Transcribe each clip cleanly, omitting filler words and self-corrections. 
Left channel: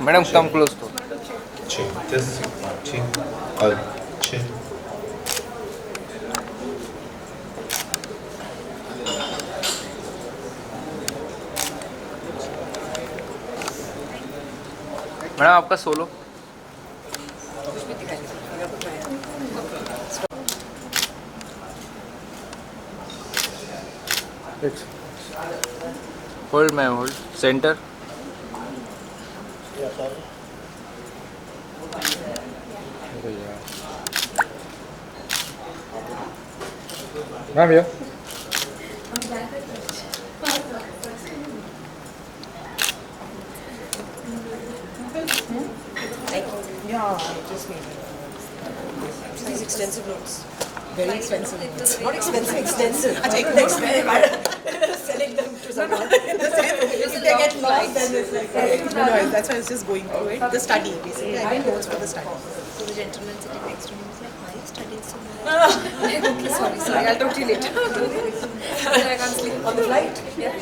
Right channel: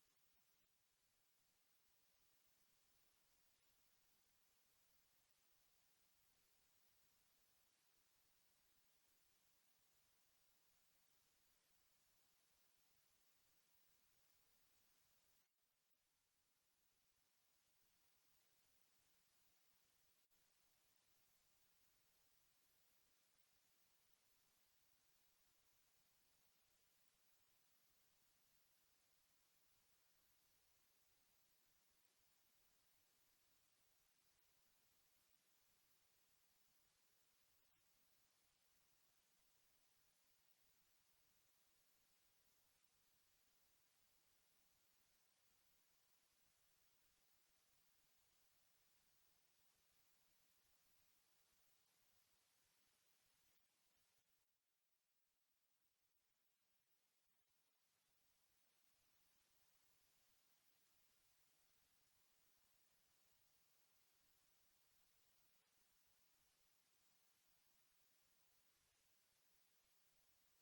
Madam, come close to. Chin. Just chin. Chin. Madam आपका solo. Hold ma'am hold. Centre. Ma'am ये Yeah, just maybe. These extensive notes. Very expensive notes. Not expensive, extensive. I take the expensive. Selling them to someone. If they get lost, then it's like... No, that's why I was just going through it. The study, basically. I made notes for the study. So the gentleman sitting next to me was like, why are you studying so much? Okay, sorry, I'll talk to you later. I can't sleep. On the flight? Yeah.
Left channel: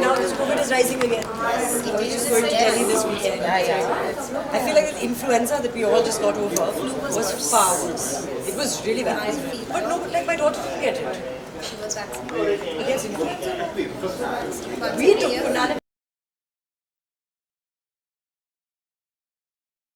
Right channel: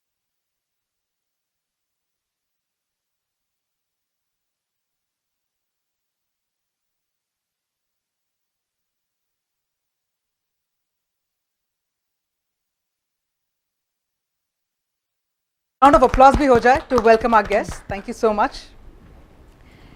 Now this COVID is rising again. I was just going to tell you this weekend. I feel like the influenza that we all just got over was far worse. It was really bad. But no, like my daughter didn't get it. She was vaccinated. Yes, influenza. We took Round of applause bhi ho jaye to welcome our guest. Thank you so much.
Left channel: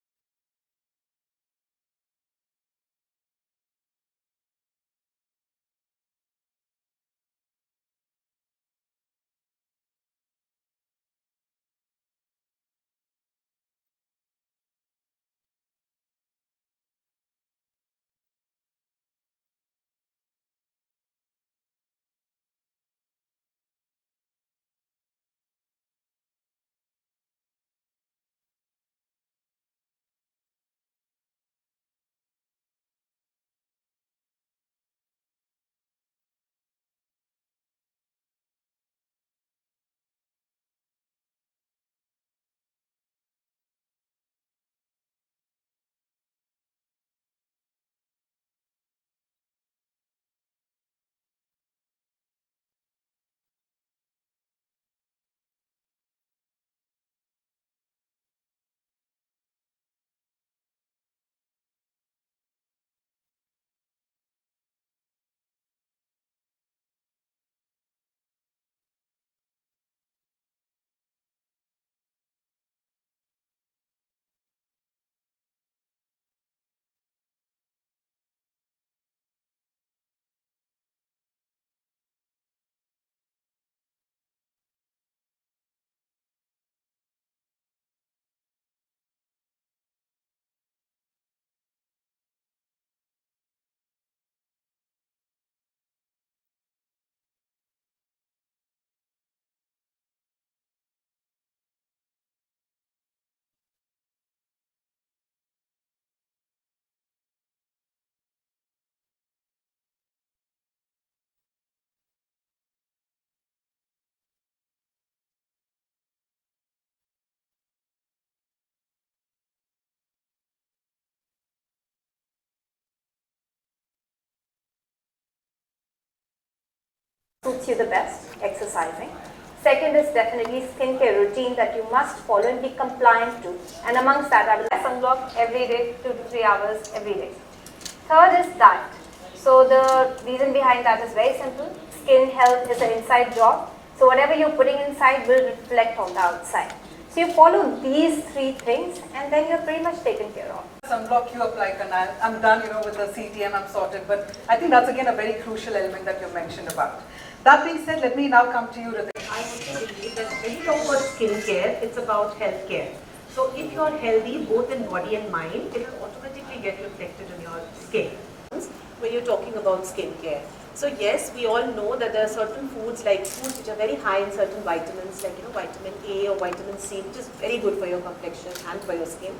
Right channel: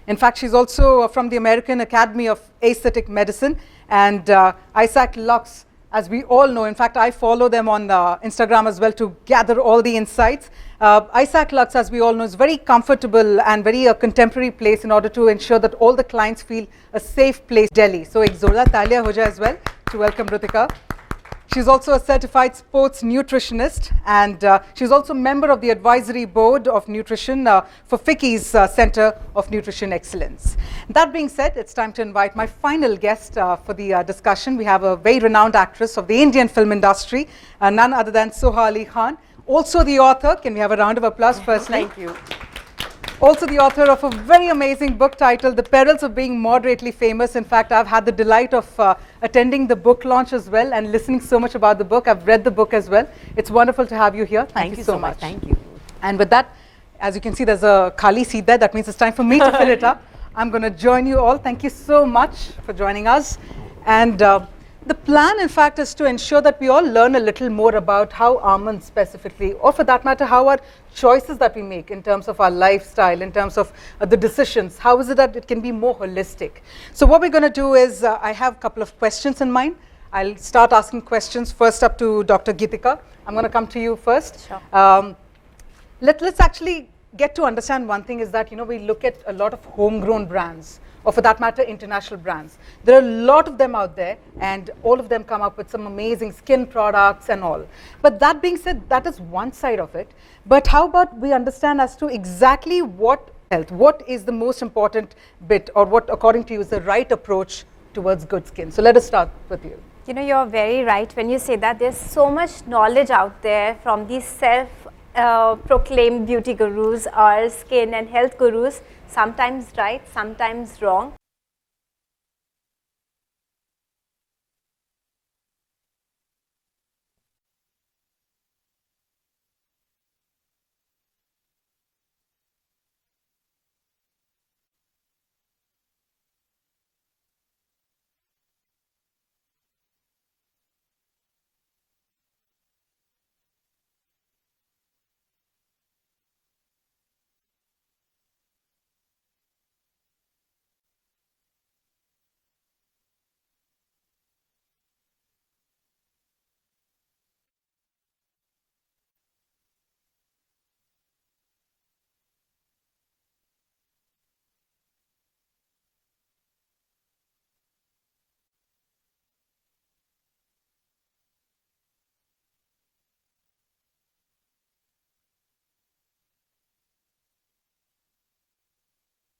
In fact, she's also from the American Academy of Aesthetic Medicine, and Isaac Lux, as we all know. In fact, I follow them on Instagram as well to gather all the insights. Isaac Lux, as we all know, is very comfortable and very contemporary place in order to ensure that all the clients feel a safe place. Delhi. So, ek zorda talia ho jaye as well to welcome Rutika. She's also a certified sports nutritionist, and she's also a member of the advisory board of nutrition for FICCI's Center of Nutrition Excellence. That being said, it's time to invite my final guest for the discussion. We have a very renowned actress of the Indian film industry, none other than Soha Ali Khan. Also the author, can we have a round of applause firstly? Thank you. Also the author of a very amazing book titled The Perils of Being Moderately Famous. In fact, I've had the delight of attending the book launch as well and listening so much about the book. I've read the book as well. It's wonderful to have you here. Thank you so much. Thank you. And with that, as you can see, there's a Kali seat there. That means it's time for me to fill it up. I'm going to join you all. Thank you so much for joining us. And the plan, in fact, is to ensure that we all learn a little more about how ALMOND specifically, or for that matter, how our choices that we make in terms of our lifestyle, in terms of the decisions, how is it that it can be more holistic? So what we're going to do is, I have a couple of questions in mind. I'll start asking questions first up to Dr. Geetika. I'm going to come to you first. Sure. Let's actually get to understand one thing is that, you know, we look at a lot of homegrown brands, or for that matter, international brands. There are a lot of them out there, and all of them come up with some amazing skin products and all. But that being said, that is one side of it. But how about we understand as to exactly what health, what is the most important bit, or what, according to you, is the right approach towards good skin? So let us start with you. You know, you're very right when you say that. There's so much knowledge out there from these self-proclaimed beauty gurus or skin and health gurus, sometimes right, sometimes wrong. Suits you the best, exercising. Second is definitely skincare routine that you must follow and be compliant to. And amongst that, I will wear sunblock every day, 2 to 3 hours every day. Third is diet. So the reason behind that is very simple. Skin health is an inside job. So whatever you're putting inside will reflect on the outside. So you follow these 3 things and then you're pretty much taken care of. Sunblock you apply, and I'm done, you know, with the CTM, I'm sorted. But I think that's again a very crucial element that you mentioned about. That being said, let me now come to you, Ritik. I also believe that when you talk about skincare, it's about healthcare. So if you're healthy both in body and mind, it will automatically get reflected on your skin. When you're talking about skincare. So yes, we all know that there are certain foods like foods which are very high in certain vitamins like, you know, vitamin A or vitamin C, which is very good for your complexion and for your skin.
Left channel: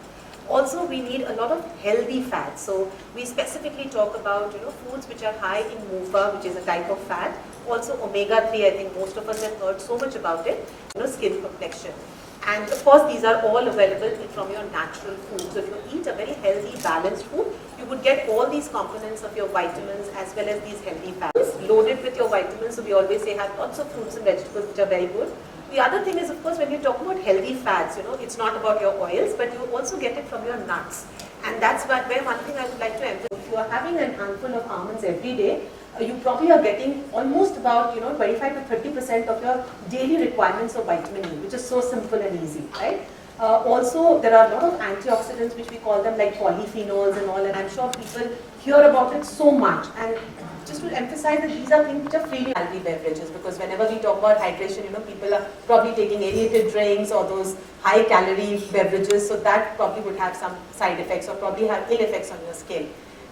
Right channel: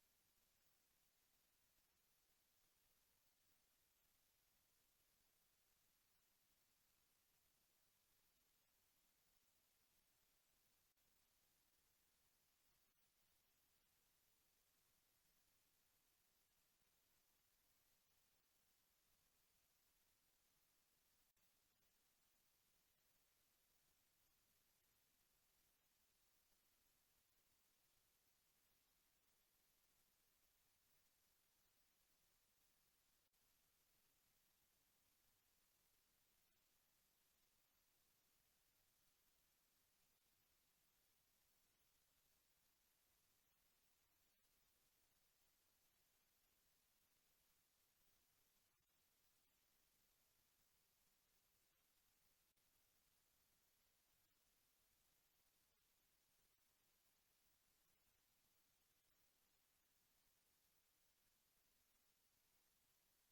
Also, we need a lot of healthy fats. So we specifically talk about, you know, foods which are high in MUFA, which is a type of fat. Also omega-3, I think most of us have heard so much about it, you know, skin complexion. And of course, these are all available from your natural food. So if you eat a very healthy, balanced food, you would get all these components of your vitamins as well as these healthy fats. Loaded with your vitamins, so we always say have lots of fruits and vegetables which are very good. The other thing is, of course, when you talk about healthy fats, it's not about your oils, but you also get it from your nuts. And that's where one thing I would like to emphasize. If you are having a handful of almonds every day, you probably are getting almost about 25 to 30% of your daily requirements of vitamin E, which is so simple and easy, right? Also, there are a lot of antioxidants, which we call them like polyphenols and all, and I'm sure people hear about it so much. And just to emphasize that these are things which are freely calorie beverages, because whenever we talk about hydration, people are probably taking aerated drinks or those high calorie beverages, so that probably would have some side effects or probably have ill effects on your skin.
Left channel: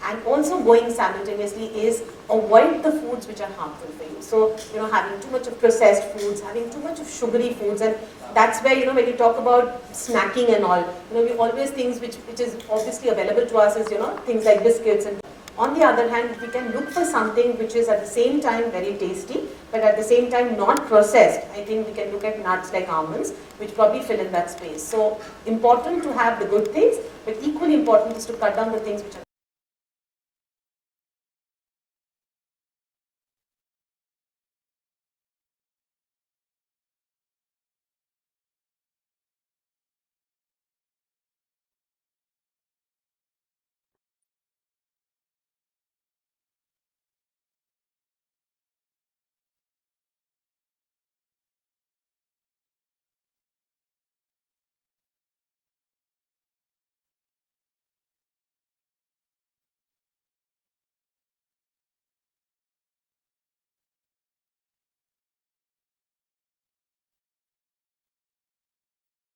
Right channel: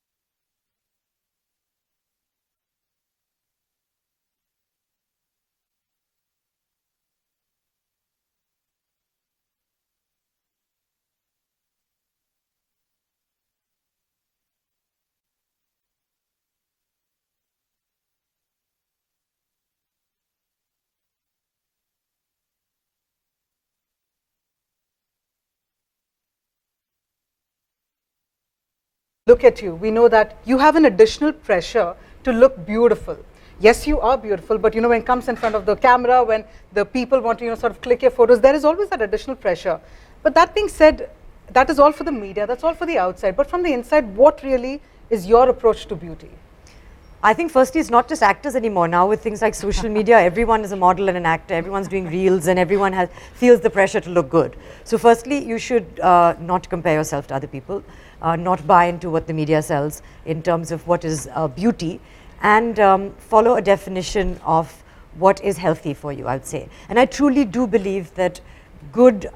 And also going simultaneously is avoid the foods which are harmful for you. So, having too much of processed foods, having too much of sugary foods, and that's where, when you talk about snacking and all, we always things which is obviously available to us is, things like biscuits. And on the other hand, if we can look for something which is at the same time very tasty, but at the same time not processed, I think we can look at nuts like almonds, which probably fill in that space. So important to have the good things, but equally important is to cut down the things which are... Look at you. We know that you have an additional pressure to look beautiful. Yes, you are beautiful, but when it comes in front of the camera, when the people want to sort of click your photos, there is always that additional pressure. But that being said, that is all for the media, that's all for the outside. But from the inside, what really is your approach to beauty? I think firstly, it's not just actors anymore. Now with things like social media, everyone is a model and an actor. Everyone's doing reels and everyone feels the pressure to look good. So firstly, you should not compare yourself to other people, not buy into what the media sells in terms of what is beauty, and follow a definition of what is healthy for you, I would say. And I truly do believe that good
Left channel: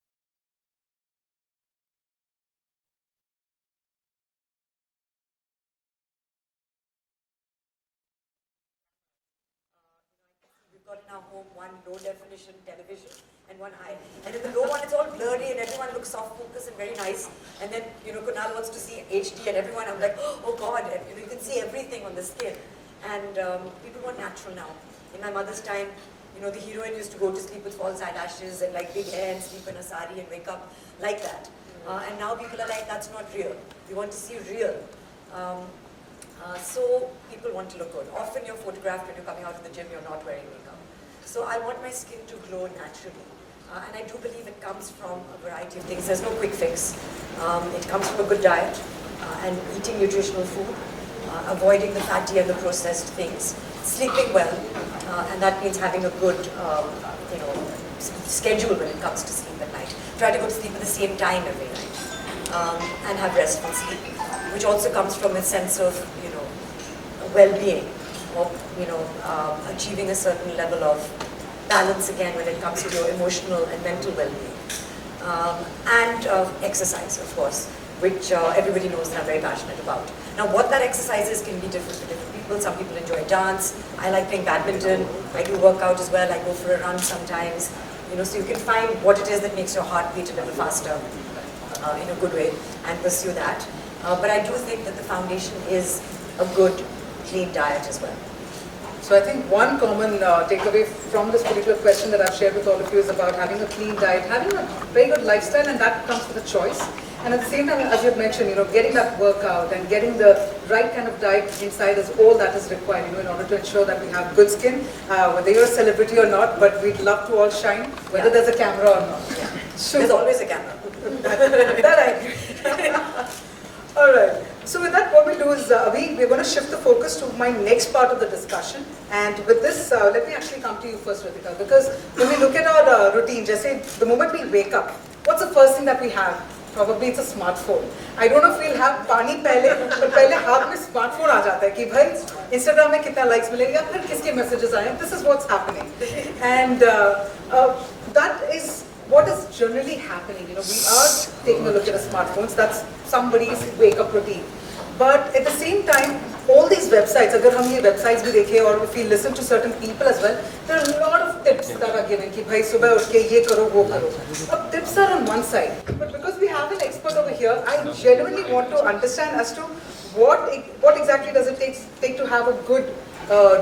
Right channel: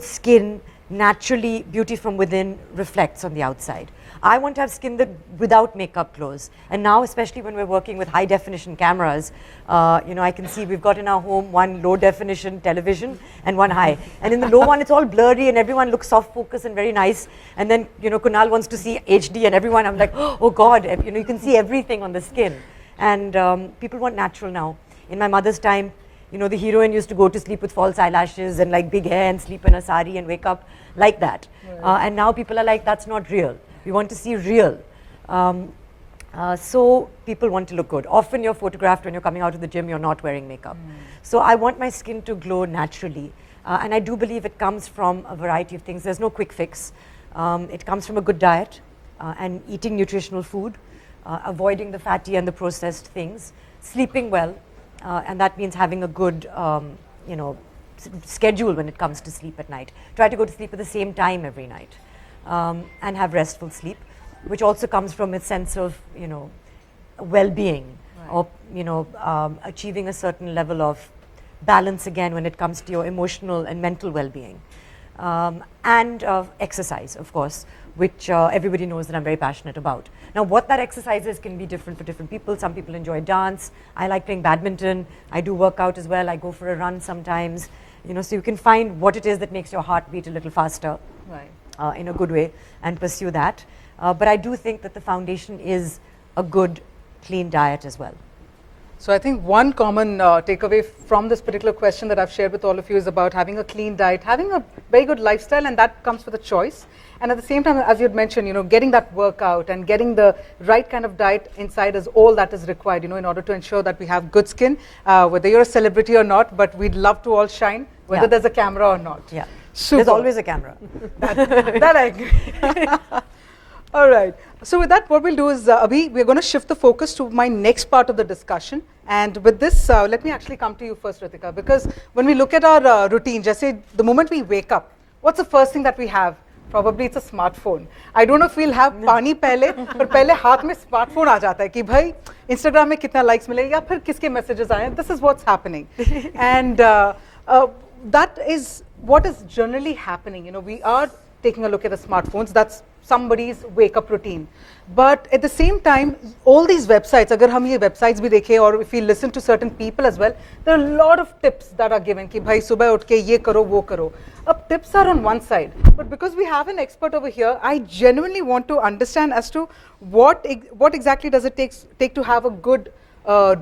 skin, naturally, beauty from within reflects on the outside. I want to have skin that without makeup glows. And now, especially when we're working with high definition cameras, I can see we've got in our home one low definition television and one high. And in the low one, it's all blurry and everyone looks soft focus and very nice. And then, Kunal wants to see HD and everyone, I'm like, oh God, you can see everything on the skin. And people want natural now. In my mother's time, the heroine used to go to sleep with false eyelashes and like big hair and sleep in a sari and wake up like that. And now people are like, that's not real. We want to see real. So people want to look good. Often you're photographed when you're coming out of the gym, you're not wearing makeup. So I want my skin to glow naturally. And I do believe it comes from a variety of things. There's no quick fix. It comes from a good diet and eating nutritional food, avoiding the fatty and the processed things, sleeping well, and that means having a good, schedule when it comes to sleep at night. Try to go to sleep at the same time every night, and have restful sleep, which also comes from a sense of, well-being, or achieving a certain level of balance again when it comes to your emotional and mental well-being, and exercise, of course, which everybody knows that I'm very passionate about. Now, what that exercise is can be different for different people. Some people enjoy dance. I like playing badminton. I do work out as well. I go for a run sometimes. So you can find what it is that makes your heart beat a little faster in a good way and pursue that. But I do think that the foundation is a good, clean diet as well. So I think one common takeaway from this particular question that I've shared with all of you is about having a clean diet, having a very good lifestyle, and that comes with a choice. And at the same time, as you had mentioned, getting that workout and getting the right kind of diet inside is all that is required, in order to ensure that we have good skin, whether you're a celebrity or not, but we'd love to all shine, whether there's a camera or not. Yeah, Super. There's always a camera. That I agree. All right. So with that, what we'll do is, we're going to shift the focus to my next part of the discussion. And with this, let me actually come to you first, Ritika, because when we look at our routine, just say the moment we wake up, what's the first thing that we have? Probably it's a smartphone. I don't know if we'll have पानी पहले, but पहले हाथ में smartphone आ जाता है कि भाई Instagram में कितना likes मिलेंगे या फिर किसके messages आए. This is what's happening, and that is what is generally happening. We are taking a look at the smartphones. That's somebody's wake-up routine. But at the same time, all these websites, अगर हम ये websites भी देखें और if we listen to certain people as well, there are a lot of tips that are given कि भाई सुबह उठ के ये करो वो करो. Tips are on one side, but because we have an expert over here, I genuinely want to understand as to what exactly does it take to have a good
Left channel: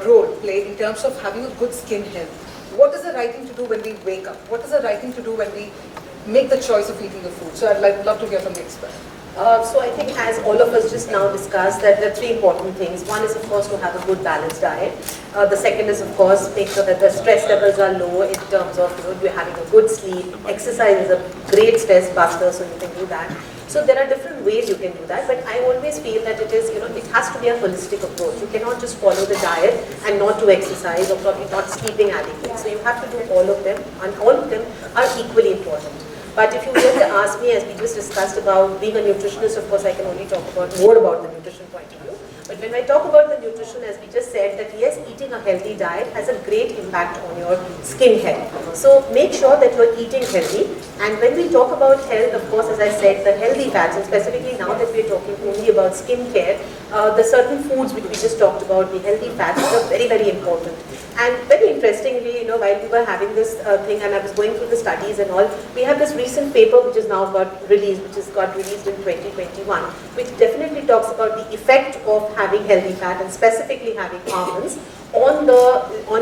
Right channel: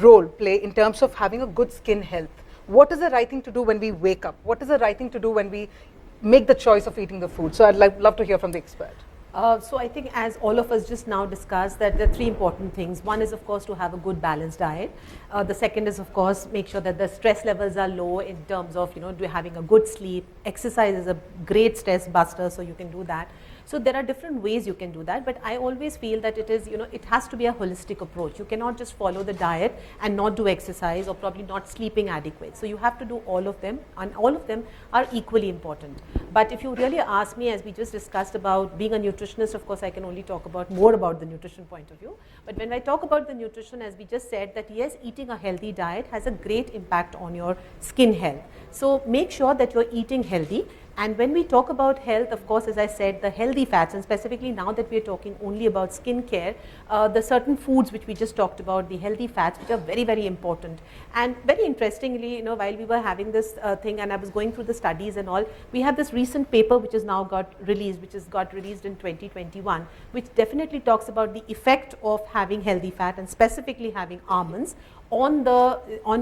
role play in terms of having a good skin health. What is the right thing to do when we wake up? What is the right thing to do when we make the choice of eating the food? So I'd love to hear from the expert. So I think as all of us just now discussed, that there are three important things. One is of course to have a good balanced diet. The second is of course make sure that the stress levels are low in terms of you're having a good sleep. Exercise is a great stress buster, so you can do that. So there are different ways you can do that, but I always feel that it is, it has to be a holistic approach. You cannot just follow the diet and not do exercise or probably not sleeping adequately. So you have to do all of them, and all of them are equally important. But if you were to ask me, as we just discussed about being a nutritionist, of course I can only talk about more about the nutrition point of view. But when I talk about the nutrition, as we just said, that yes, eating a healthy diet has a great impact on your skin health. So make sure that you're eating healthy. And when we talk about health, of course, as I said, the healthy fats, and specifically now that we're talking only about skin care, the certain foods which we just talked about, the healthy fats, are very, very important. And very interestingly, while we were having this thing and I was going through the studies and all, we have this recent paper which is now got released, which has got released in 2021, which definitely talks about the effect of having healthy fat and specifically having almonds on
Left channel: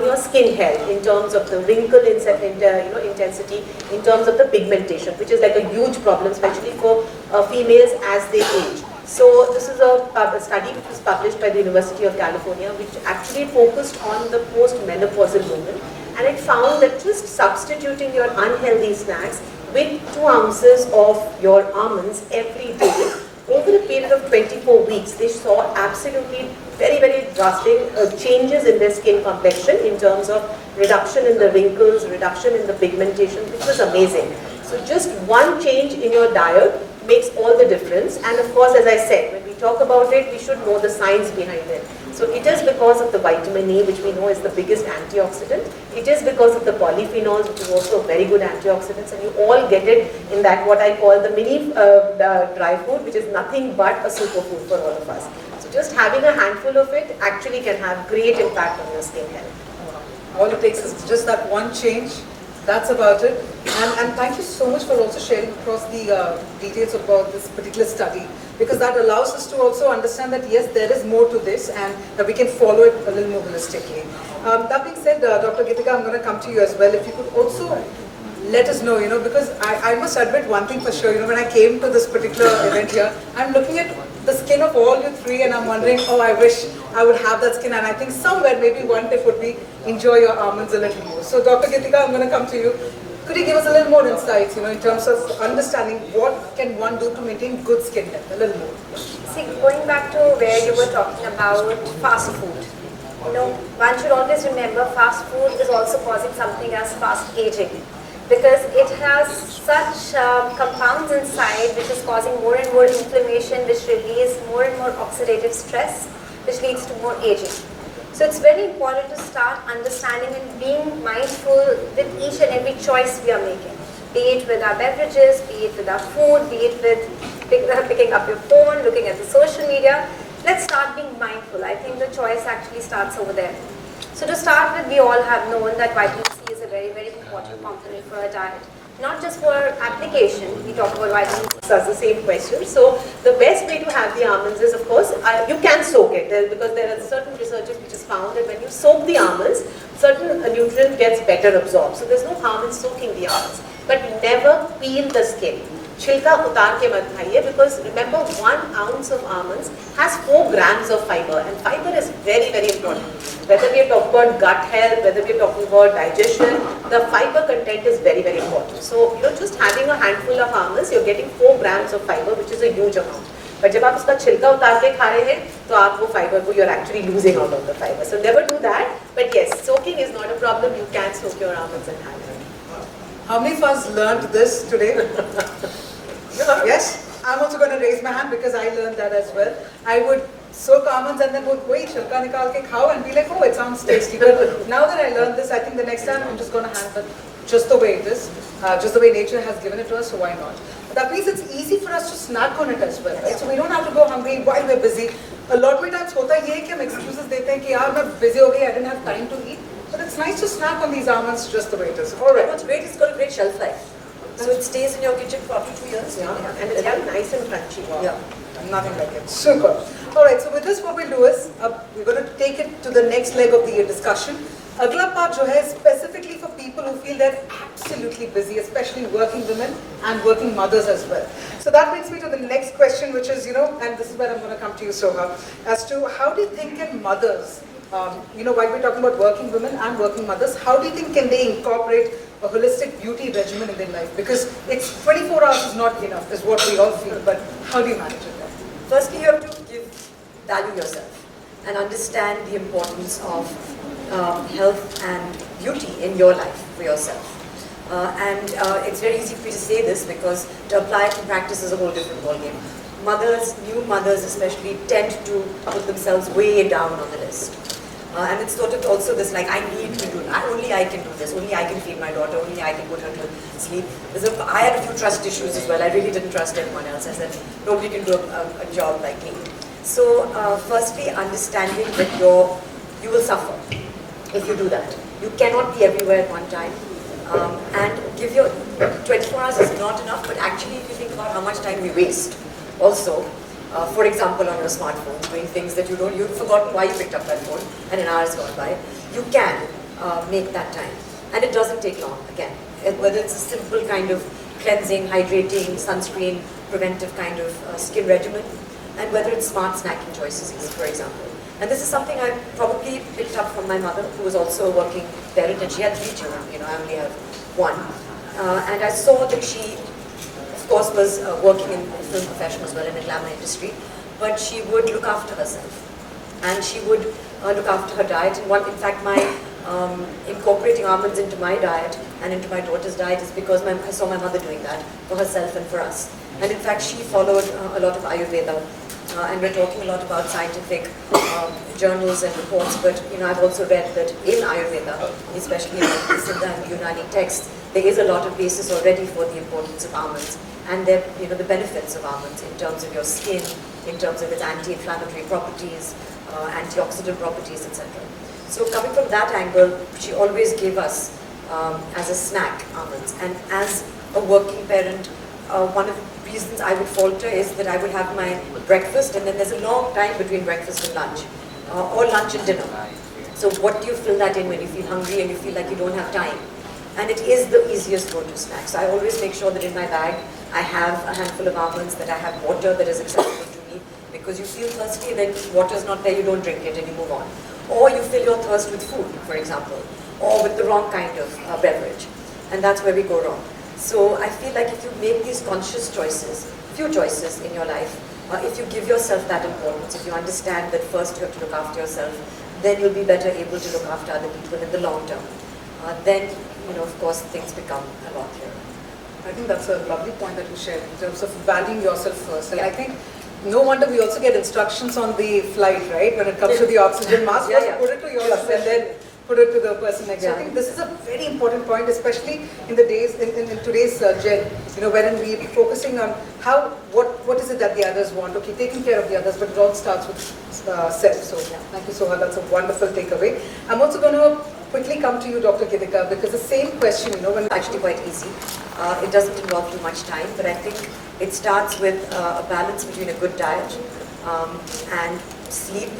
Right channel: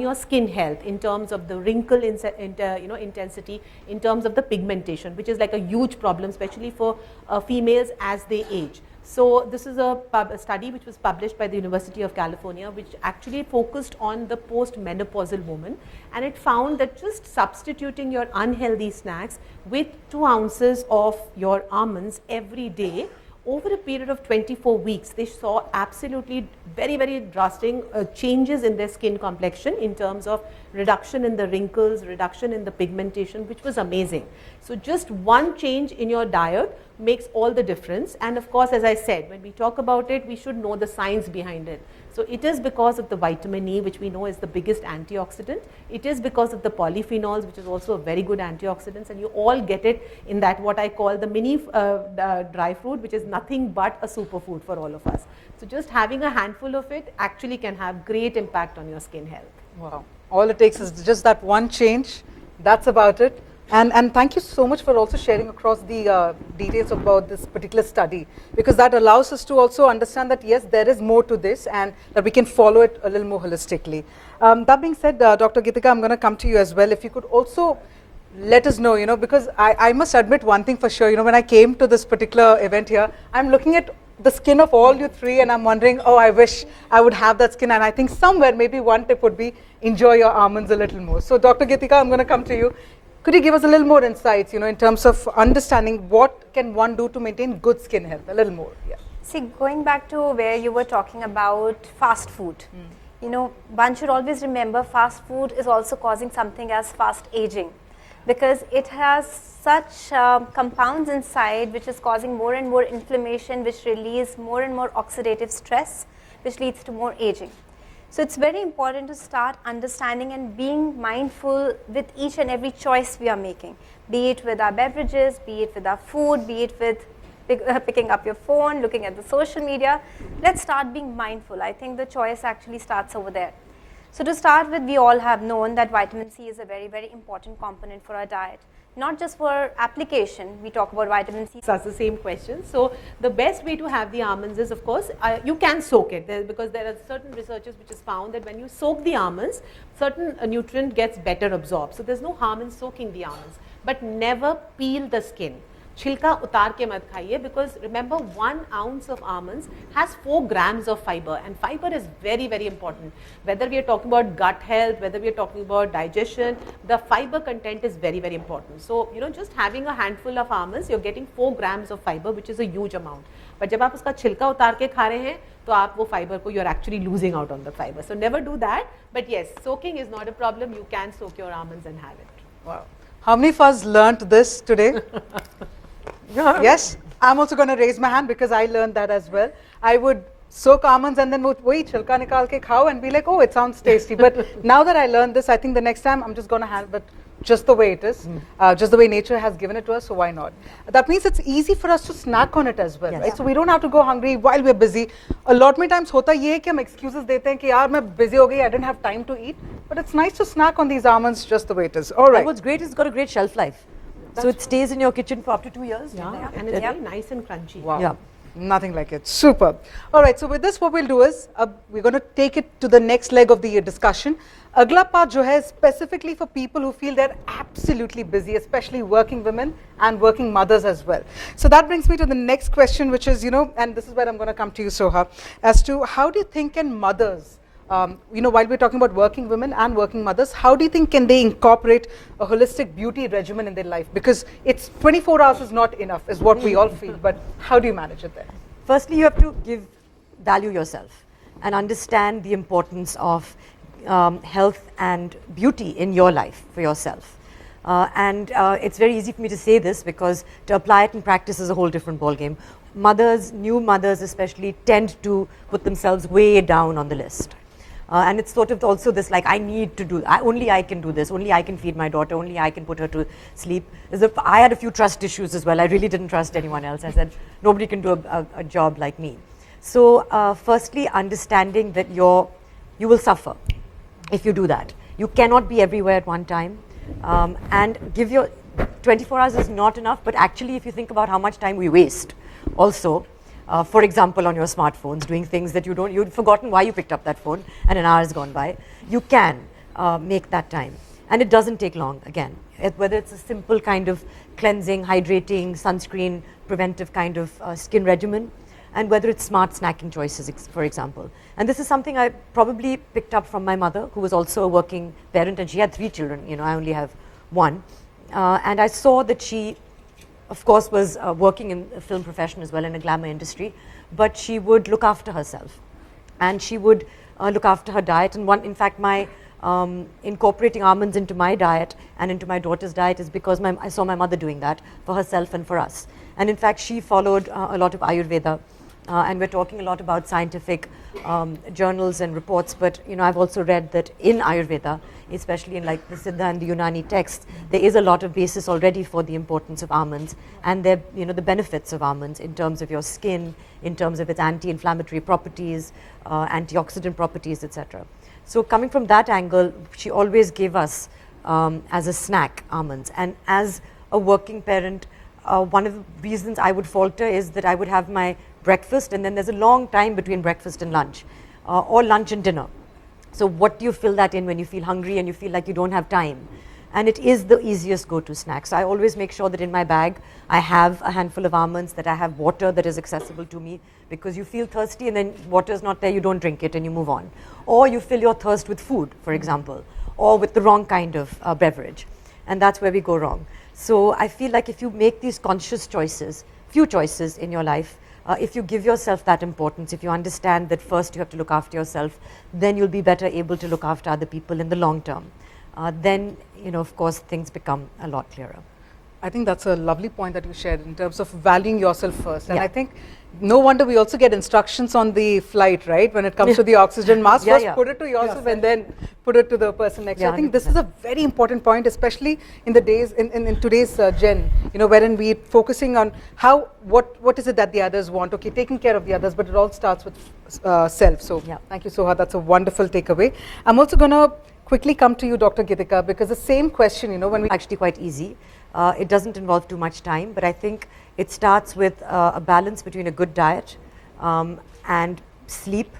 your skin health in terms of the wrinkle intensity, in terms of the pigmentation, which is like a huge problem, especially for females as they age. So this is a study which was published by the University of California, which actually focused on the post-menopausal women, and it found that just substituting your unhealthy snacks with 2 ounces of your almonds every day over a period of 24 weeks, they saw absolutely very, very drastic changes in their skin complexion in terms of reduction in the wrinkles, reduction in the pigmentation, which was amazing. So just one change in your diet makes all the difference. And of course, as I said, when we talk about it, we should know the science behind it. So it is because of the vitamin E, which we know is the biggest antioxidant. It is because of the polyphenols, which is also a very good antioxidants. And you all get it in that what I call the mini dry food, which is nothing but a superfood for all of us. So just having a handful of it actually can have great impact on your skin health. All it takes is just that one change. That's about it. And thank you so much for also sharing across the details about this particular study, because that allows us to also understand that yes, there is more to this and that we can follow it a little more holistically. That being said, Dr. Geetika, I'm going to come to you as well. If you could also let us know, because I must admit one thing for sure, when I came to this particular event here, I'm looking at the skin of all you three and I'm wondering, oh, I wish I would have that skin, and I think somewhere maybe one tip would be enjoy your almonds a little more. So Dr. Geetika, I'm going to come to you. Could you give us a little more insights, in terms of understanding what can one do to maintain good skin health, a little more? Yeah. See, going back to where you were talking about fast food, one should always remember fast food is also causing something as fast aging, because it has such compounds inside which is causing more and more inflammation, which release more and more oxidative stress, which leads to more aging. So it's very important to start understanding and being mindful with each and every choice we are making, be it with our beverages, be it with our food, be it with picking up your phone, looking at the social media. Let's start being mindful. I think the choice actually starts over there. So to start with, we all have known that vitamin C is a very, very important component for our diet. Not just for application, we talk about vitamin C. So that's the same question. So the best way to have the almonds is, of course, you can soak it, because there are certain researches which has found that when you soak the almonds, certain nutrient gets better absorbed. So there's no harm in soaking the almonds. But never peel the skin. Chilka utar ke mat khaiye, because remember 1 ounce of almonds has 4 grams of fiber, and fiber is very, very important. Whether we are talking about gut health, whether we are talking about digestion, the fiber content is very, very important. So just having a handful of almonds, you're getting 4 grams of fiber, which is a huge amount. But जब आप उसका छिलका उतार के खा रहे हैं, तो आप वो fiber को you're actually losing out of the fiber. So never do that. But yes, soaking is not a problem. You can soak your almonds and have it. How many of us learned this today? Yes, I'm also going to raise my hand because I learned that as well. I would soak almonds and then wait, chilka nikal ke khao and be like, oh, it sounds tasty. But now that I learned this, I think the next time I'm just going to have it just the way it is, just the way nature has given it to us, so why not? That means it's easy for us to snack on it as well, right? So we don't have to go hungry while we're busy. A lot of times hota ye hai ki hum excuses dete hain ki yaar main busy ho gayi, I didn't have time to eat. But it's nice to snack on these almonds just the way it is. All right. What's great is it's got a great shelf life. So it stays in your kitchen for up to 2 years. Yeah, and it's very nice and crunchy. Wow. Yeah. Nothing like it. Super. All right, so with this what we'll do is, we're going to take it to the next leg of the discussion. अगला part जो है specifically for people who feel they're absolutely busy, especially working women and working mothers as well. So that brings me to the next question, which is, and this is where I'm going to come to you, Soha, as to how do you think can mothers, while we're talking about working women and working mothers, how do you think can they incorporate a holistic beauty regimen in their life? Because it's 24 hours is not enough, is what we all feel, but how do you manage it there? Firstly, you have to value yourself and understand the importance of health and beauty in your life for yourself. It's very easy for me to say this because to apply it in practice is a whole different ballgame. Mothers, new mothers especially, tend to put themselves way down on the list. And it's sort of also this like, I need to do, only I can do this, only I can feed my daughter, only I can put her to sleep. I had a few trust issues as well. I really didn't trust anyone else. I said, nobody can do a job like me. So firstly, understanding that you will suffer if you do that. You cannot be everywhere at one time. And give your 24 hours is not enough, but actually if you think about how much time we waste also, for example, on your smartphones, doing things that you've forgotten why you picked up that phone and an hour has gone by, you can make that time. And it doesn't take long, again. Whether it's a simple kind of cleansing, hydrating, sunscreen, preventive kind of skin regimen, and whether it's smart snacking choices, for example. And this is something I probably picked up from my mother, who was also a working parent, and she had 3 children, I only have 1. And I saw that she, of course, was working in the film profession as well, in the glamour industry, but she would look after herself. And she would look after her diet. And in fact, my incorporating almonds into my diet and into my daughter's diet is because I saw my mother doing that for herself and for us. And in fact, she followed a lot of Ayurveda. And we're talking a lot about scientific journals and reports, but I've also read that in Ayurveda, especially like the Siddha and the Unani texts, there is a lot of basis already for the importance of almonds and the benefits of almonds in terms of your skin, in terms of its anti-inflammatory properties, antioxidant properties, etc. So coming from that angle, she always gave us as a snack almonds. And as a working parent, one of the reasons I would falter is that I would have my breakfast and then there's a long time between breakfast and lunch, or lunch and dinner. So what do you fill that in when you feel hungry and you feel like you don't have time? And it is the easiest go-to snack. So I always make sure that in my bag I have a handful of almonds, that I have water that is accessible to me, because you feel thirsty and then water is not there, you don't drink it and you move on. Or you fill your thirst with food, for example, or with the wrong kind of beverage. And that's where we go wrong. So I feel like if you make these conscious choices, few choices in your life, if you give yourself that importance, if you understand that first you have to look after yourself, then you'll be better able to look after other people in the long term. Then, of course, things become a lot clearer. I think that's a lovely point that you shared in terms of valuing yourself first. And I think no wonder we also get instructions on the flight, right? When it comes to the oxygen mask, first put it to yourself and then put it to the person next. I think this is a very important point, especially in the days, in today's gen, wherein we're focusing on what is it that the others want, okay, taking care of the others, but it all starts with self. So thank you so much, that's a wonderful takeaway. I'm also going to quickly come to you, Dr. Gitika, because the same question, when we actually quite easy. It doesn't involve too much time, but I think it starts with a balance between a good diet and sleep,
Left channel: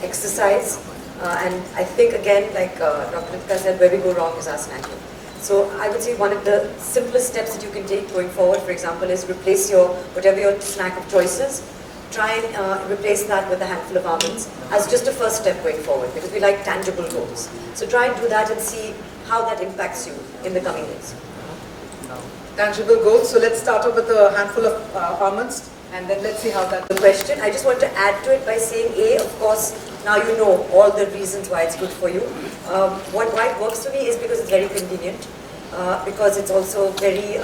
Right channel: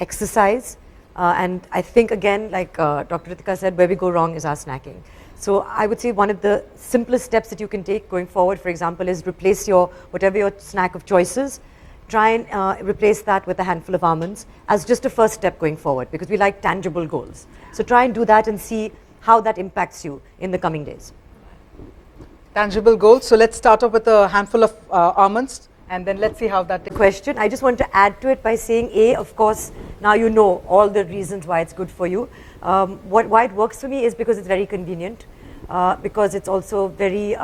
exercise, and I think again, like Dr. Gitika said, where we go wrong is our snacking. So I would say one of the simplest steps that you can take going forward, for example, is replace whatever your snack of choices, try and replace that with a handful of almonds as just the first step going forward, because we like tangible goals. So try and do that and see how that impacts you in the coming days. Tangible goals. So let's start off with a handful of almonds and then let's see how that the question. I just want to add to it by saying, of course, now you know all the reasons why it's good for you. Why it works for me is because it's very convenient, because it's also very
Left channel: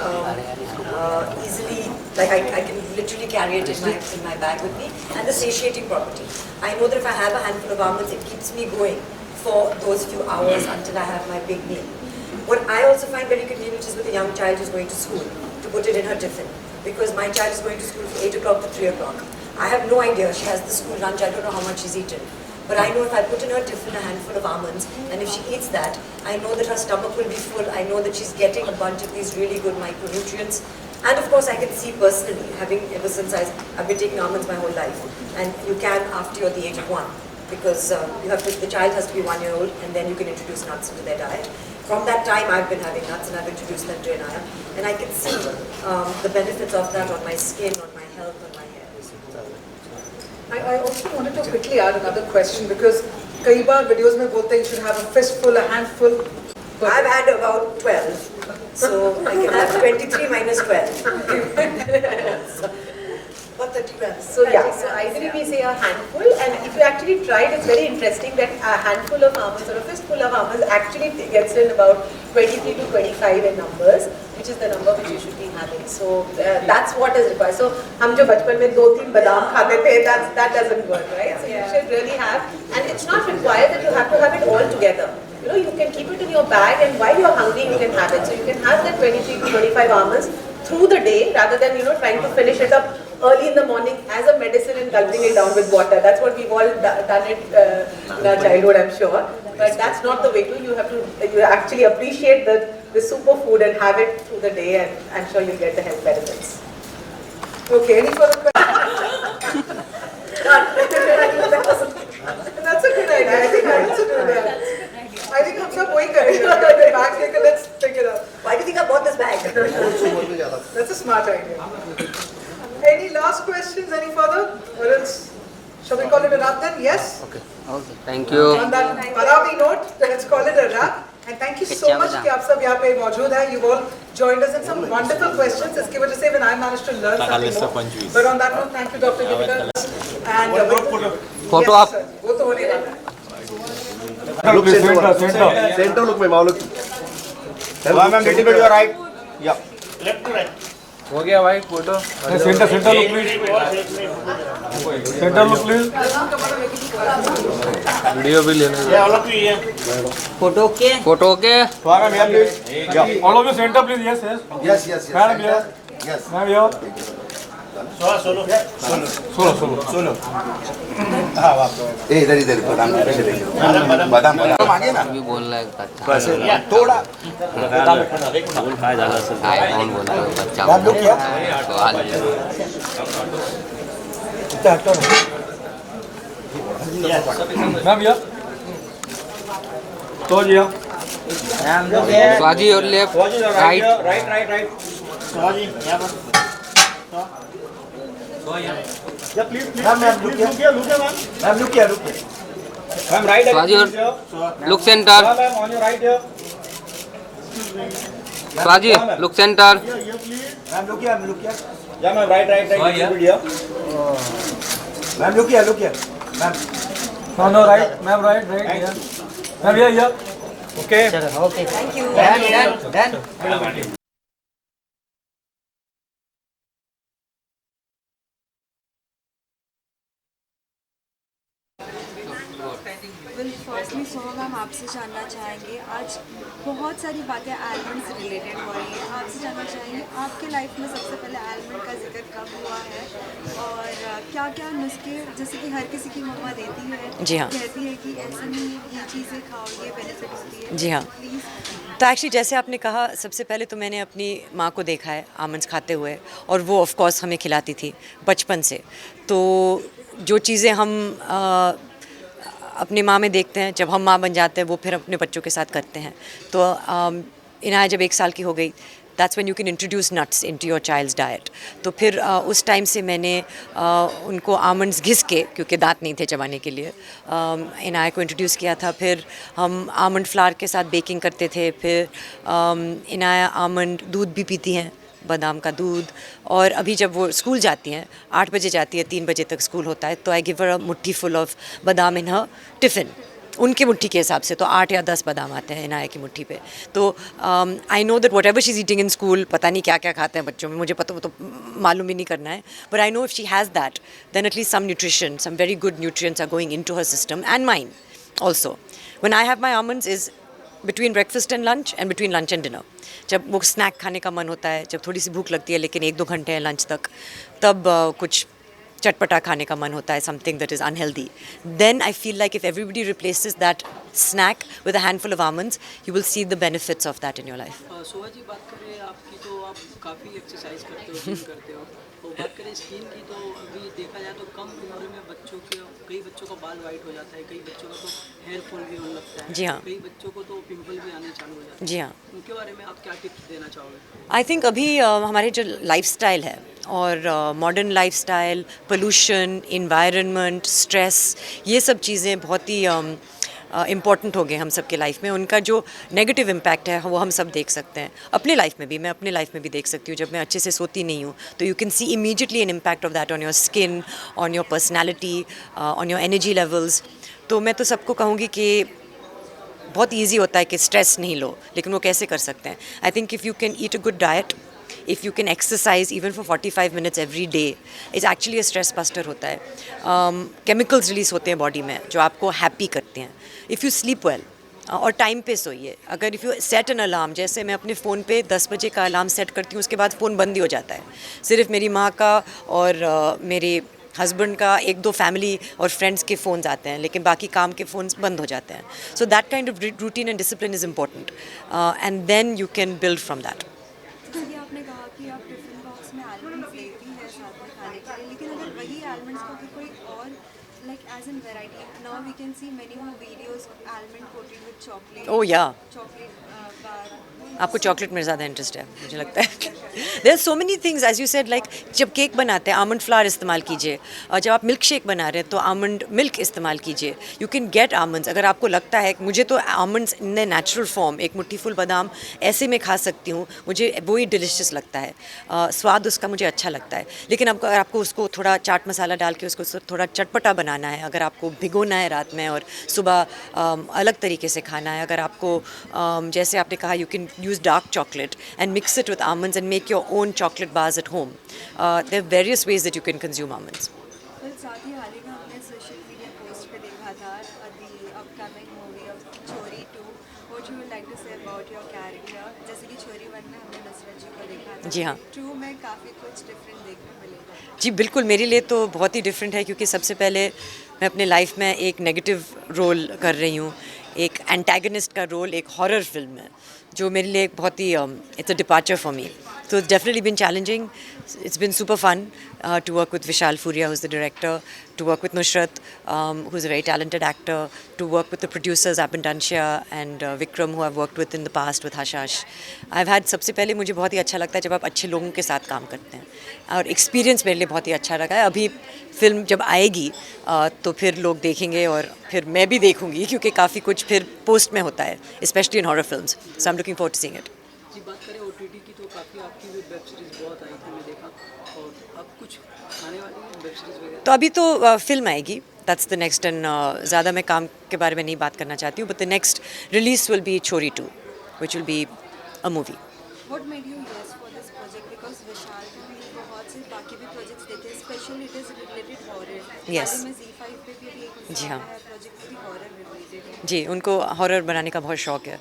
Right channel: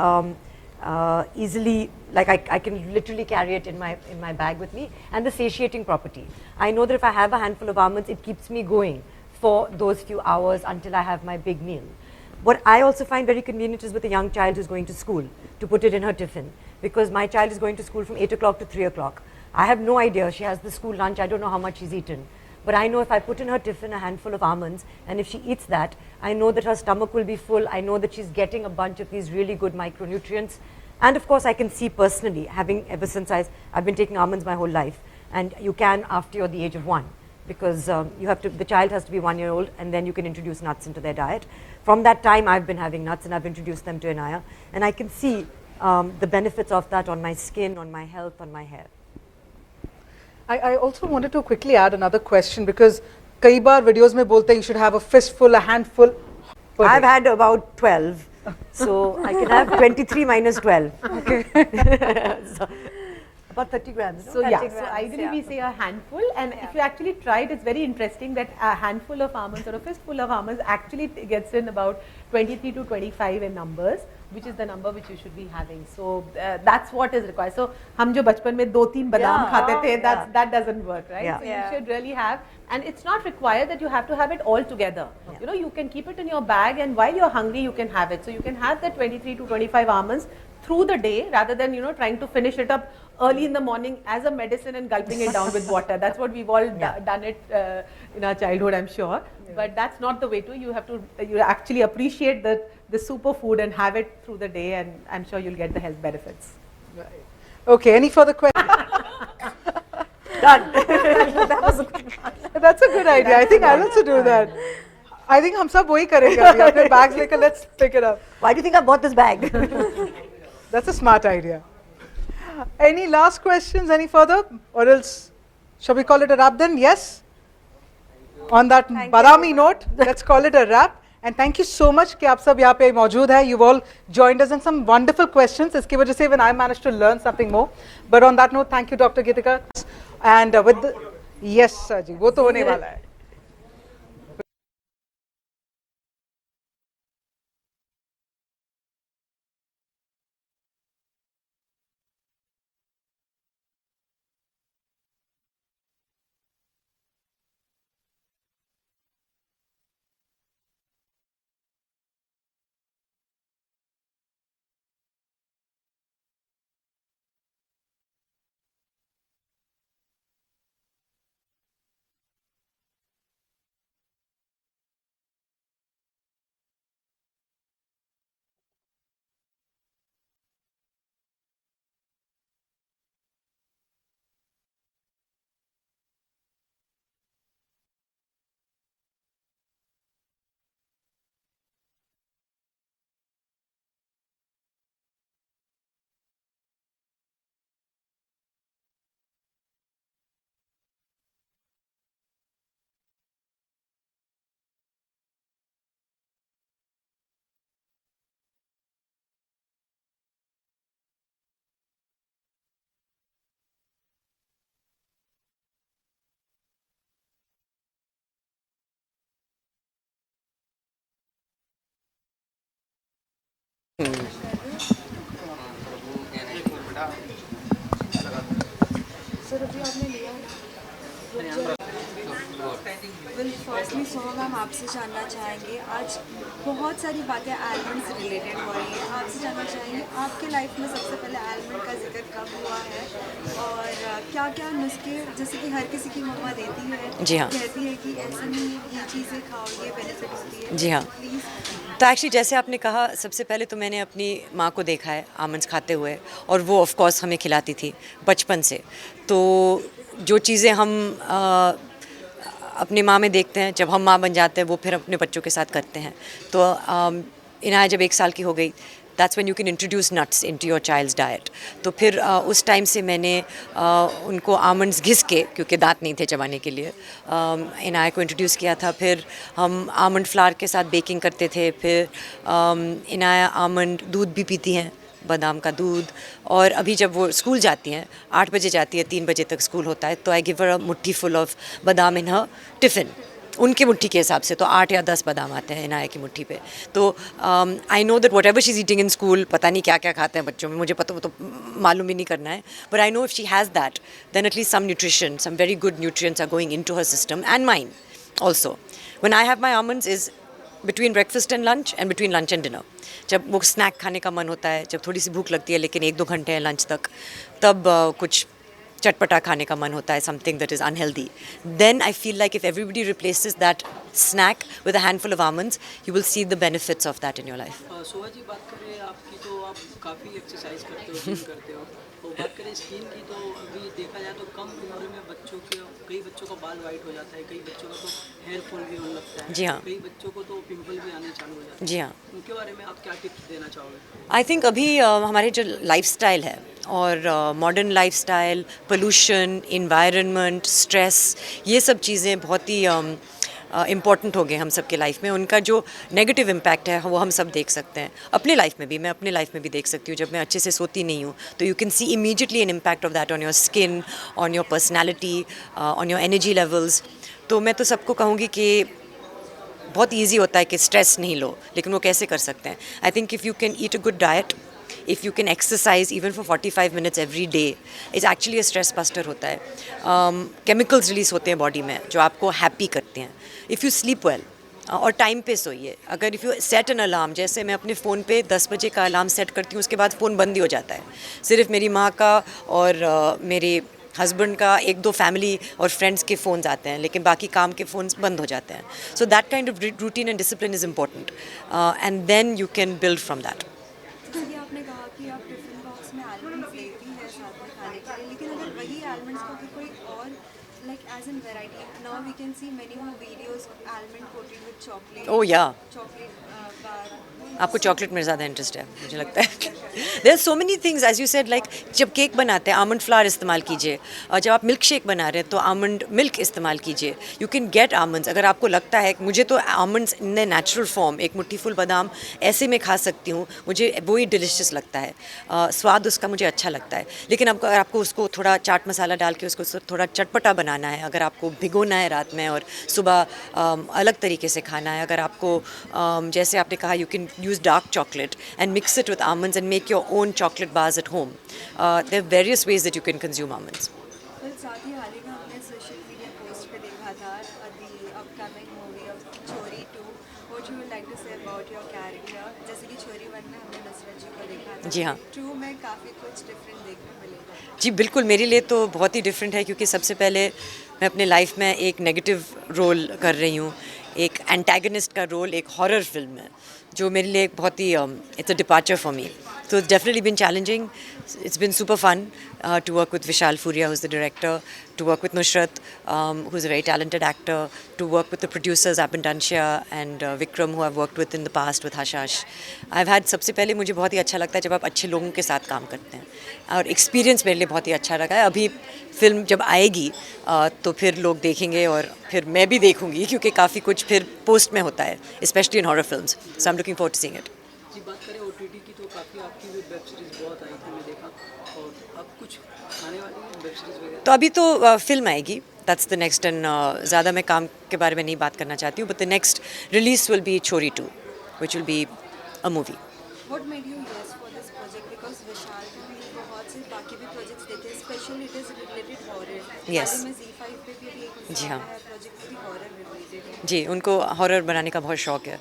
easily, like I can literally carry it in my bag with me, and the satiating property. I know that if I have a handful of almonds, it keeps me going for those few hours until I have my big meal. What I also find very convenient is with a young child who's going to school, to put it in her tiffin, because my child is going to school from 8 o'clock to 3 o'clock. I have no idea, she has the school lunch, I don't know how much she's eaten. But I know if I put in her tiffin a handful of almonds, and if she eats that, I know that her stomach will be full, I know that she's getting a bunch of these really good micronutrients. And of course I can see personally, ever since I've been taking almonds my whole life, and you can after you're the age of 1, because the child has to be 1 year old, and then you can introduce nuts into their diet. From that time, I've been having nuts, and I've introduced them to Inaya, and I can see the benefits of that on my skin, on my health, on my hair. I also wanted to quickly add another question, because कई बार videos में बोलते हैं you should have a fistful, a handful. I've had about 12, so I can have 23 minus 12. About 30 grams. So yeah, so ideally we say a handful, and if you actually try it, it's very interesting that a handful of almonds or a fistful of almonds actually gets in about 23 to 25 in numbers, which is the number which you should be having. So that's what is required. So हम जो बचपन में 2-3 बादाम खाते थे, that doesn't work, right? Yeah. So you should really have, and it's not required that you have to have it all together. You know, you can keep it in your bag, and while you're hungry, you can have it. So you can have that 23 to 25 almonds through the day, rather than trying to finish it up early in the morning as a medicine and gulping it down with water. That's what we've all done it in our childhood, I'm sure. But that's not the way to. You have to actually appreciate the superfood and have it through the day, and I'm sure you'll get the health benefits. Okay, any further questions? Done. That's a good idea. I think I also do that. I think हम सब वही करेंगे. अपने bags लेकर let's pick it up. Why do you think I bought this bag? That's a smart idea. Any last questions? Any further? Or else, shall we call it a wrap then? Yes? Okay. Thank you. On that badami note, let's call it a wrap. And thank you so much कि आप सब यहाँ पे मौजूद हैं. You've all joined us in some wonderful questions. इसकी वजह से even I managed to learn something more. But on that note, thank you, Dr. Gidikar. And with Photo yes, up. sir जी, वो तो होने वाला है. Look center. Center look, ma'am. Look. Ma'am, little bit your right. Yeah. हो गया भाई photo. Center look please. Center look please. Video भी लेना है. Photo okay? Photo okay. Ma'am, here please. Yeah. All of you center please. Yes. Yes. Madam here. Yes. Ma'am here. Solo. इधर बादाम आगे ना भी बोलना है बच्चा. वैसे थोड़ा कौन बोला है बच्चा. आप लोग क्या सवाल Ma'am here. So here. स्वाजी और left right. Right. Yeah, please. Ma'am, look here. Ma'am, look here. Ma'am, right. स्वाजी और look centre. Ma'am, on your right here. स्वाजी look centre. Ma'am, look here. Yeah, ma'am, right. Little bit here. Ma'am, look here. Ma'am. No, right. Ma'am, right here. Ma'am, here. Okay. Thank you. Done. Firstly Soma ma'am आपसे जानना चाहेंगे, आज बहुत सारी बातें almond से related हो रही हैं. आपसे जानना चाहेंगे आपके लाइफ में सबसे पहले आलमंड का जिक्र कब हुआ है, और क्या क्या नुस्खे, जैसे कि हर किसी की मम्मा देती है, जी हाँ. कहती है कि ऐसे नहीं ये चीज़ें खाओ, ये बेनिफिट होती है. जी हाँ. प्लीज़. तो एक्चुअली जैसे आपने कहा, सबसे पहले तो मैंने अपनी माँ को देखा है आमंड्स खाते हुए, और वो ऑफ कोर्स हमें खिलाती थी बचपन से. तो जो चीज़ें हम अपनी माँ में देखते हैं, जब हम माँ बन जाते हैं वो फिर अपने बच्चों के साथ करते हैं. तो इनाया जब 1 साल की हो गई, that's when you can introduce nuts into your child's diet. तो फिर उस टाइम से मैंने उनको आमंड्स घिस के, क्योंकि दांत नहीं थे चबाने के लिए, इनाया को इंट्रोड्यूस किया था. फिर हम आमंड फ्लावर के साथ बेकिंग करते थे. फिर इनाया आमंड दूध भी पीती हैं, बादाम का दूध. और अभी जब वो स्कूल जाती हैं, 8 बजे जाती है, 3 बजे तक स्कूल होता है, तो आई गिव हर अ मुट्ठी फुल ऑफ बादाम इन हर टिफ़िन. उनकी मुट्ठी के हिसाब से तो 8 या 10 बादाम आते हैं इनाया की मुट्ठी पे. तो I know that what ever she is eating in school, पता नहीं क्या क्या खाते हैं बच्चों में, मुझे पता, वो तो मालूम ही नहीं करना है. But I know if she has that, then at least some nutrition, some very good nutrients are going into her system and mind also. When I have my almonds is between breakfast and lunch and between lunch and dinner. जब वो snack खाने का मन होता है, जब थोड़ी सी भूख लगती है लेकिन 1-2 घंटे हैं लंच तक, तब कुछ चटपटा खाने का मन होता है, something that is unhealthy, then I feel like if everybody replaces that snack with a handful of almonds, you will see the benefits of that in your life. Shobha ji, बात करें आपकी तो आप काफ़ी एक्सरसाइज करते हो, जिम करते हो, और बात करें स्किन की तो अभी देखा जाए तो कम उम्र में कई बच्चों का बाल वाइट हो जाता है, कई बच्चों का तो हेयर फॉल भी होने लगता है, जी हाँ, कई बच्चों को तो पिंपल भी आने चालू हो जाते हैं। जी हाँ, उनके बारे में आप क्या टिप्स देना चाहोगे? आई थिंक अभी हमारे जो लाइफस्टाइल है और modern lifestyle, pollution, environment, stress, ये सब चीज़ें बहुत ही इम्पॉर्टेंट हो गए हम सब के लाइफ में। उनका जो नेगेटिव इम्पैक्ट है वो हम सब देख सकते हैं अपने लाइफ में भी। मैं अपने लाइफ में भी देख सकती हूँ, जब मैं अच्छे से सोती नहीं हूँ तो you can see immediately an impact of that on your skin, on your personality, on your energy levels. तो मैं तो सबको कहूँगी कि बहुत ईजी होता है कि स्ट्रेस नहीं लो, लेकिन वो कैसे कर सकते हैं? I think if you can eat a good diet, if you can exercise even for 45 minutes every day, is actually a stress buster होता है। केमिकल्स रिलीज होते हैं बॉडी में जो आपको हैप्पी करते हैं। इफ़ यू स्लीप वेल और टाइम पे सोइए, अगर if you set an alarm, जैसे मैं अपने फ़ोन पे 10 बजे का अलार्म सेट करती हूँ, उसके बाद फ़ोन बंद ही हो जाता है। सिर्फ मेरी माँ का और मेरे हस्बैंड का 1-2 फैमिली और फ्रेंड्स के फ़ोन्स आते हैं, लेकिन बाकी काम के फ़ोन्स बंद हो जाते हैं। So that kind of routine and discipline is important, and then you can build from that. जैसे आपने कहा कि आप टिफिन बॉक्स में आलमंड्स लेती हैं साथ में खाने के लिए, लेकिन अगर वही आलमंड्स को अगर कोई और like as an variety, now we can see many more videos almond coated with chocolate. Oh yeah, chocolate बार। आपको चॉकलेट में ज़्यादा इंटरेस्ट है मुझे लगता है। There are so many things as you said, like जब केक बनाते हैं आमंड फ्लावर इस्तेमाल कीजिए, और जब आप मिल्क शेक बना रहे हैं तो आमंड मिल्क इस्तेमाल कीजिए। यू कैन गेट आमंड्स, अगर आपको लगता है मुझे तो almonds in the natural form, एक मुट्ठी फुल बादाम ऐसे में खा सकती हूँ, मुझे वो ही डिलिशियस लगता है, स्वाद उसका मुझे अच्छा लगता है। लेकिन अब अगर आपको उसको थोड़ा चाट मसाला डाल के उसको थोड़ा चटपटा बनाना है, अगर आपको भिगोना है रात में और सुबह अलग तरीके से खाना है, अगर आपको जैसे आपने कहा you can use dark chocolate and mix it with almonds and make your own chocolate bars at home. There are various ways that you can consume almonds. फिर साथ ही हाल ही में हमने सोशल मीडिया पोस्ट पे देखा था the upcoming movie of छोरी 2. What you would like to say about your character? जैसे कि छोरी 1 में हमने नुसरत जी को देखा था, जी हाँ, 2 में काफ़ी कुछ डिफरेंट देखने मिलेगा। जी बिल्कुल, मेरे लिए तो बहुत ही डिफरेंट है, क्योंकि सबसे पहले मैं अपने लाइफ में एक नेगेटिव रोल कर रही हूँ, एक एंटागनिस्ट का रोल एक हॉरर फिल्म में, जो मेरे लिए एक बहुत ही it's a departure for me. So it's definitely been challenging. It's been super fun to work with Vishal Furia, who's the director, to work with Nusrat, who's a very talented actor, to work with the producers Abin Dansha and Vikram, who I've worked with in the past with Hashash. I've had सबसे पहले मुझे बहुत ही अच्छा लगता है जब आप अच्छे लोगों के साथ काम करते हैं, और एक्सपीरियंस मेरे लिए बहुत ही अच्छा लगा है। अभी फिल्म जब आएगी तो फिर लोग देखेंगे और फिर मैं भी देखूंगी, क्योंकि काफ़ी कुछ फिर पोस्ट में होता है, specially in horror films. So I am looking forward to seeing it. जी, बात करें OTT की तो काफ़ी आपकी भी वेब सीरीज़ बहुत आई थी, मैं देखा, और अब कुछ आने वाली वेब सीरीज़ वगैरह? तो अभी तो फिल्म आएगी, दैट्स द नेक्स्ट, एंड ज़्यादा मैं काम के बारे में नहीं बात करना चाहती हूँ, but the next release will be छोरी 2, which will be a movie. What made you yes for this project? Because विशाल के भी बहुत से बाकी भी प्रोजेक्ट्स देखे, specially it is related horror. Yes. हाल ही में Z5 पे भी एक जी हाँ, प्रोजेक्ट भी हॉरर रिलेटेड है। जी उनको हॉरर बनाने का बहुत शौक है।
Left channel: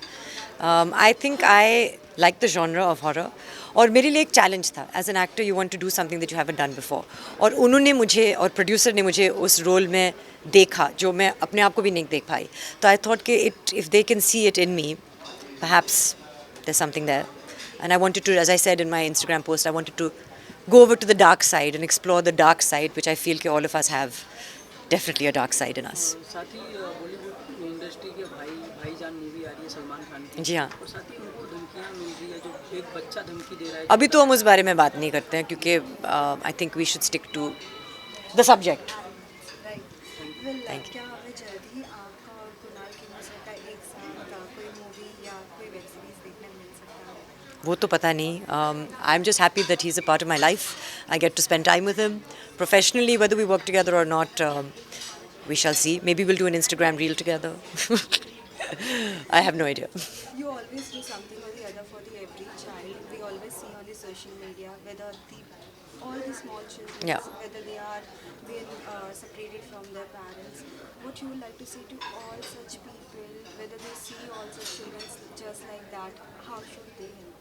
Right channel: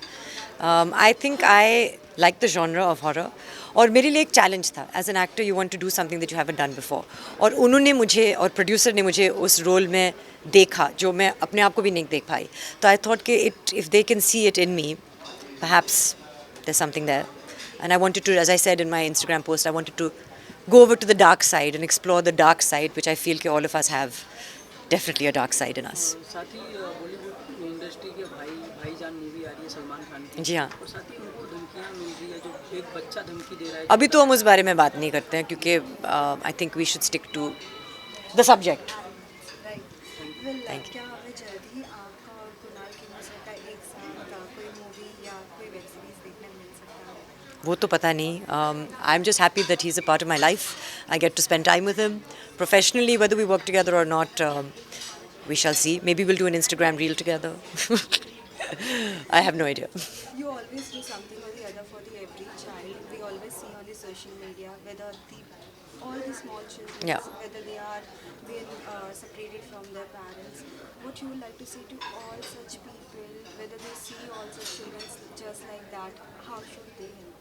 I think I like the genre of horror, और मेरे लिए एक चैलेंज था as an actor, you want to do something that you haven't done before, और उन्होंने मुझे और प्रोड्यूसर ने मुझे उस रोल में देखा जो मैं अपने आप को भी नहीं देख पाई। तो आई थॉट कि it if they can see it in me, perhaps there's something there. And I wanted to, as I said in my Instagram post, I wanted to go over to the dark side and explore the dark side, which I feel that all of us have definitely a dark side in us. साथ ही Bollywood industry के भाईजान movie आ रही है सलमान खान की, जी हाँ, और साथ ही उनको धमकियाँ मिल रही है, जो एक बच्चा धमकी दे रहा है। अभी तो हम उस बारे में बात नहीं करते हैं, क्योंकि I think we should stick to the subject. Right, क्या हमें जल्द ही आपका और कुणाल खेमू का एक साथ कोई मूवी या कोई वेब सीरीज देखने मिल सकता है? वो तो पता नहीं। I am just happy that he is a part of my life. I get to spend time with him professionally, whether we work together or not, we shall see. Maybe we'll do an Instagram reel together. I have no idea. You always do something or the other for the every child. We always see on the social media whether all the small children, Yeah. whether they are being separated from their parents. What you would like to say to all such people, whether they see all such children just like that, how should they help?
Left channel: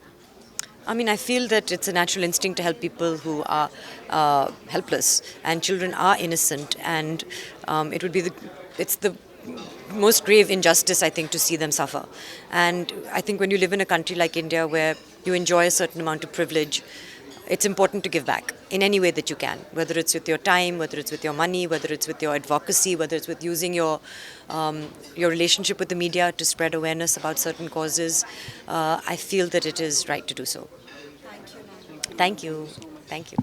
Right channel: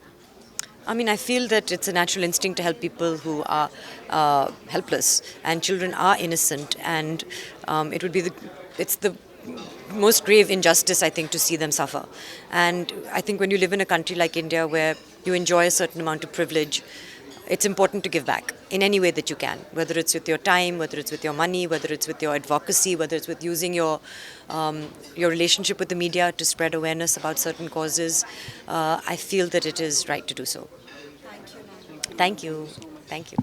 I mean, I feel that it's a natural instinct to help people who are helpless, and children are innocent, and it would be it's the most grave injustice, I think, to see them suffer. And I think when you live in a country like India where you enjoy a certain amount of privilege, it's important to give back in any way that you can, whether it's with your time, whether it's with your money, whether it's with your advocacy, whether it's with using your relationship with the media to spread awareness about certain causes. I feel that it is right to do so. Thank you. Thank you. Thank you.